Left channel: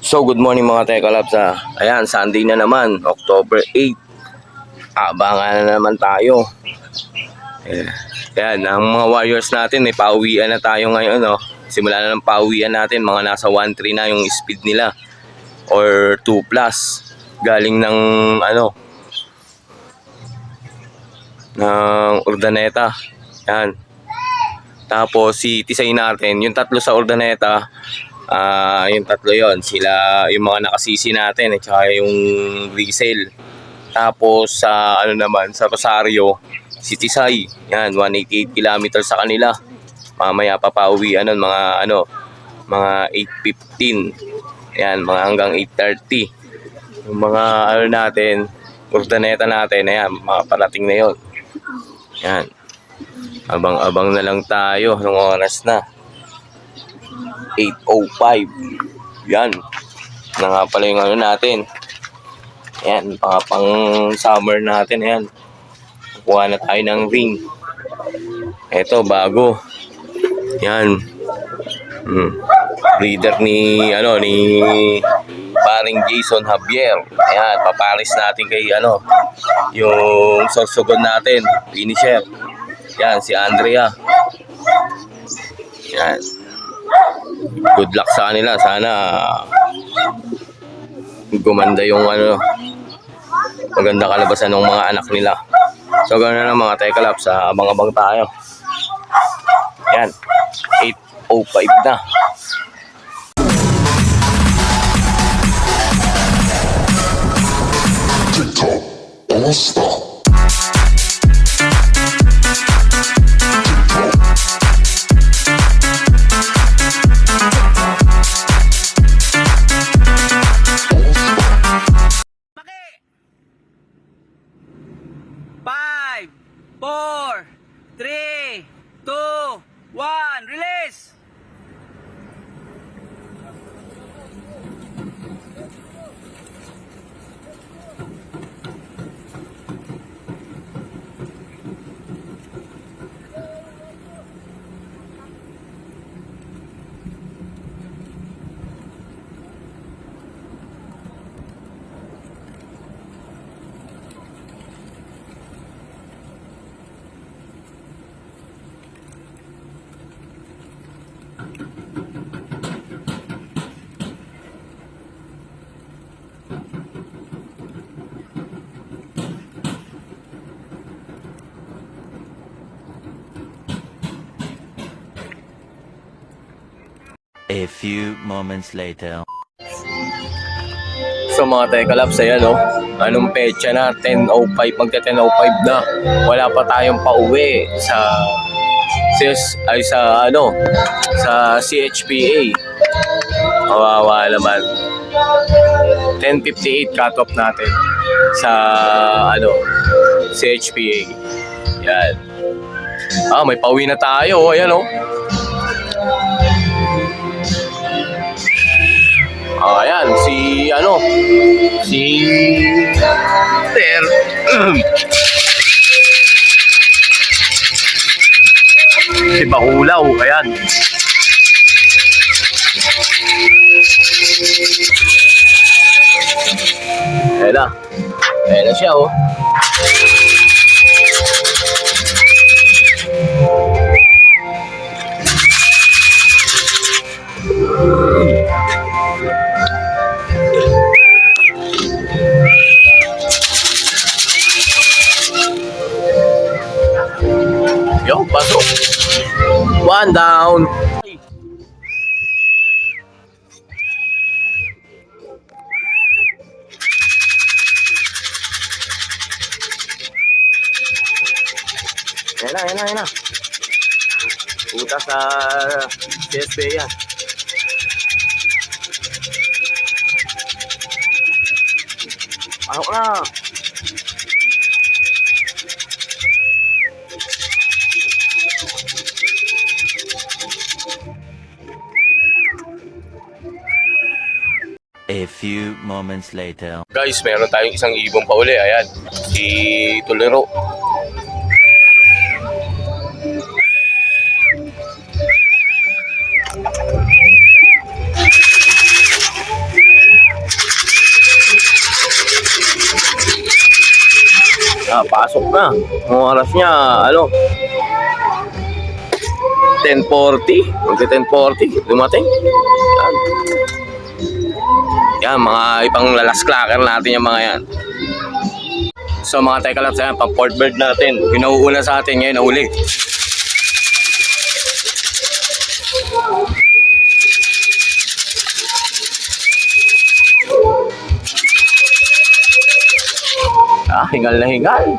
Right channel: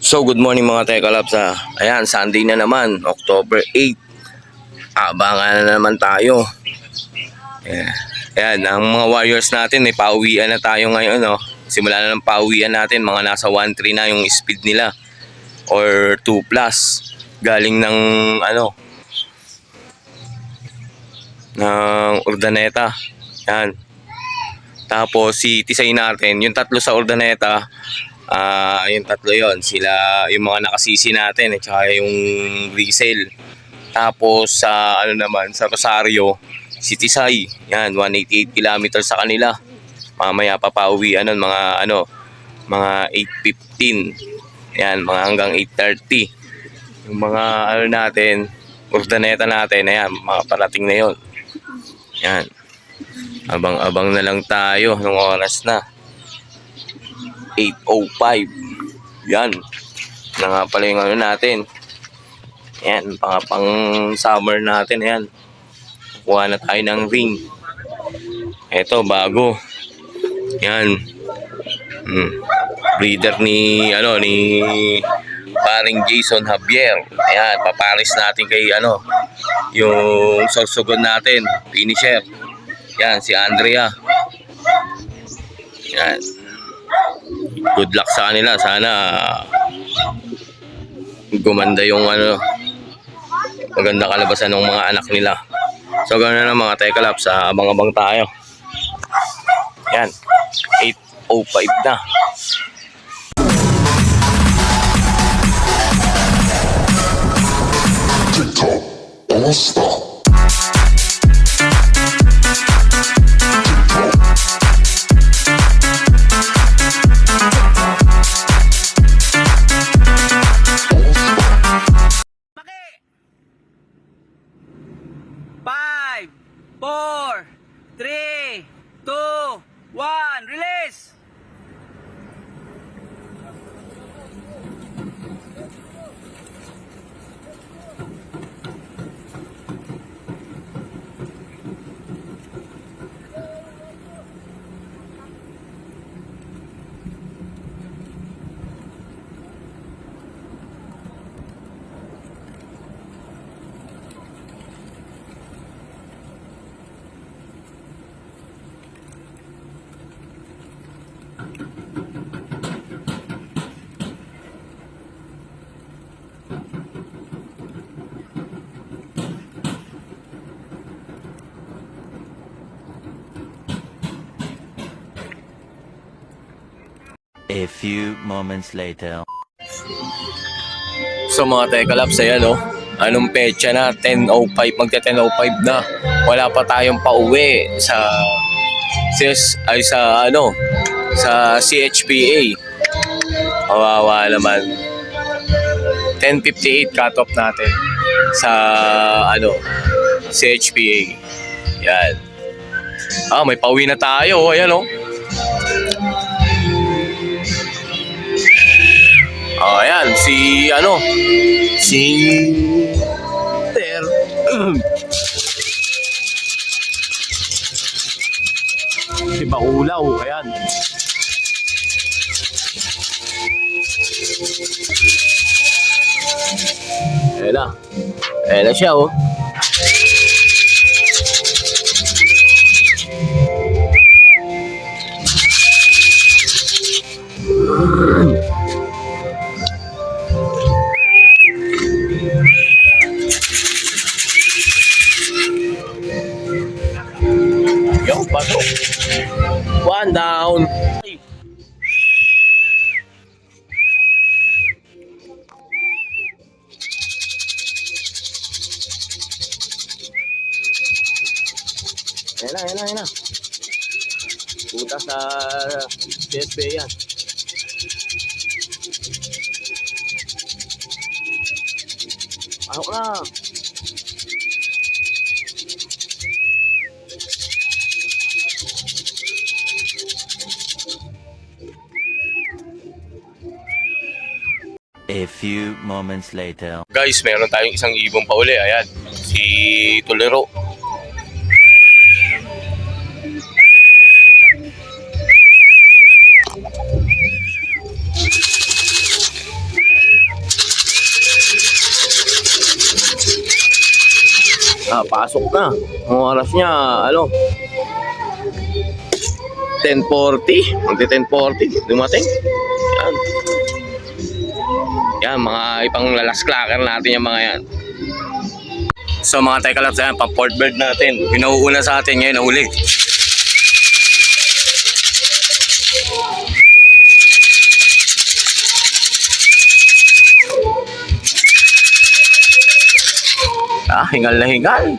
So good morning mga Tekalabs ha. Ayan, Sunday na naman, October 8. Abangan na naman tayo. Ayan, ang mga Warriors natin, may pauwian na tayo ngayon. No? Simula na ng pauwian natin, mga nasa 1.3 na yung speed nila. Or 2 plus. Galing ng ng Urdaneta. Ayan. Tapos si Tisay natin, yung tatlo sa Urdaneta, yung tatlo yon, sila yung mga nakasisi natin at saka yung resale. Tapos sa naman sa Rosario, si Tisay, yan 188 kilometers sa kanila. Mamaya papauwi mga mga 8:15. Yan, mga hanggang 8:30. Yung mga natin, Urdaneta natin, ayan, makaparating na yon. Yan. Abang-abang na lang tayo ng oras na 8:05. Yan. Na nga pala yung natin. Yan, pang summer natin. Yan. Kukuha na tayo ng ring. Ito, bago. Yan. Breeder ni paring Jason Javier. Yan, paparis natin kay yung sorsogon natin, finisher. Yan, si Andrea. Yan. Good luck sa kanila. Sana gumanda yung maganda kalabasan ng mga anak nila. So ganoon na mga Tekalabs, abang-abang tayo. Yan, 8:05 na. TikTok, don't stop. Five, 4, 3, 2, 1, release! A few moments later. So mga Tekalabs, ayan anong petsa na? 10:05, magka 10:05 na. Wala pa tayong pauwi sa CHPA. Kawawa naman. 10:58 cut off natin sa CHPA. Yan. May pauwi na tayo. Ayan ayan, si si Bakulaw, ayan. Ayan na siya pasok. One down. Ayan na. Puta sa CSP yan. Pasok na. A few moments later. Guys, meron tayong isang ibong pauli. Ayan, si Tuliro. Pasok na. Ang oras niya, 10:40. Magti 10:40. Dumating. Yan. Yan, mga ipang lalas clacker natin yung mga yan. So mga teka lang sa yan, pang port bird natin. Yung nauuna sa atin ngayon, nauli. Hingal na hingal.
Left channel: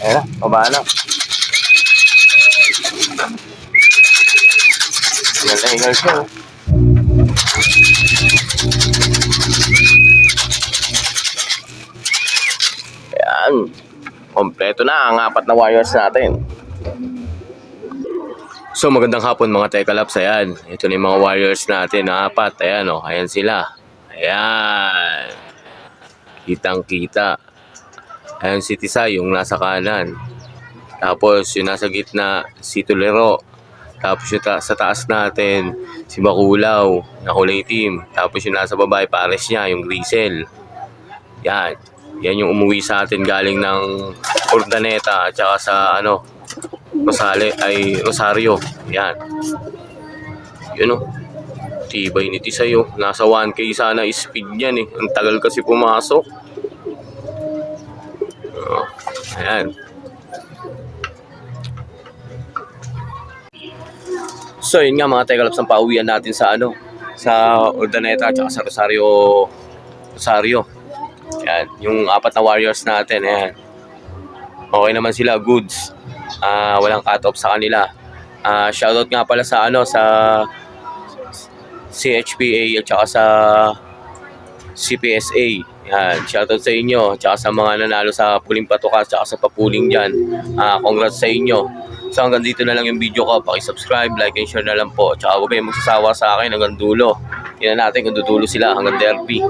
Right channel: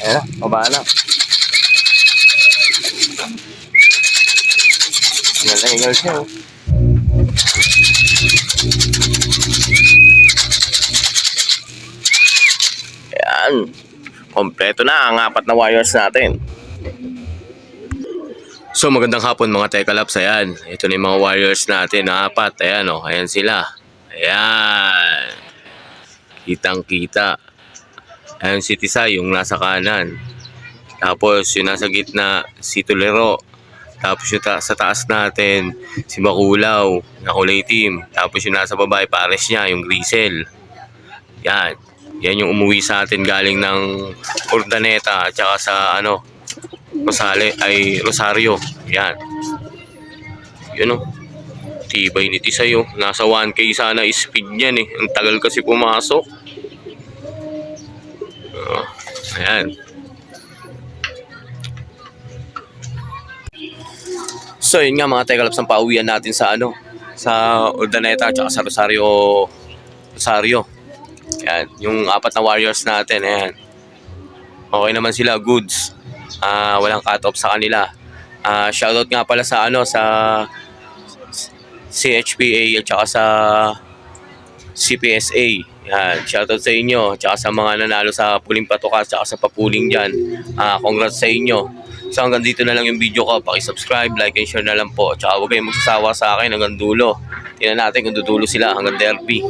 Ayan, baba na. Hingal na hingal siya. Ayan. Kompleto na ang 4 na wires natin. So magandang hapon mga Tekalaps. Ayan. Ito na yung mga wires natin na 4. Ayan o. Ayan sila. Ayan. Kitang kita. Ayan si Tisay yung nasa kanan. Tapos yung nasa gitna si Tulero. Tapos yung sa taas natin si Makulaw na kulay team. Tapos yung nasa baba pares niya yung Grisel. Yan. Yan yung umuwi sa atin galing ng Urdaneta at saka sa Rosario. Yan. Yun o. Tibay ni Tisay oh. Nasa 1K sana speed niyan eh. Ang tagal kasi pumasok. Ayan. So yun nga mga Tekalaps ang pauwian natin sa sa Urdaneta at sa Rosario. Ayan. Yung 4 na warriors natin. Ayan. Okay naman sila. Goods. Walang cut off sa kanila. Shoutout nga pala sa sa CHPA at saka sa CPSA. Yan, shoutout sa inyo at saka sa mga nanalo sa puling patuka at saka sa papuling dyan. Congrats sa inyo. So hanggang dito na lang yung video ko. Paki-subscribe, like and share na lang po. At saka huwag kayong magsasawa sa akin hanggang dulo. Tingnan natin kung dudulo sila hanggang derby.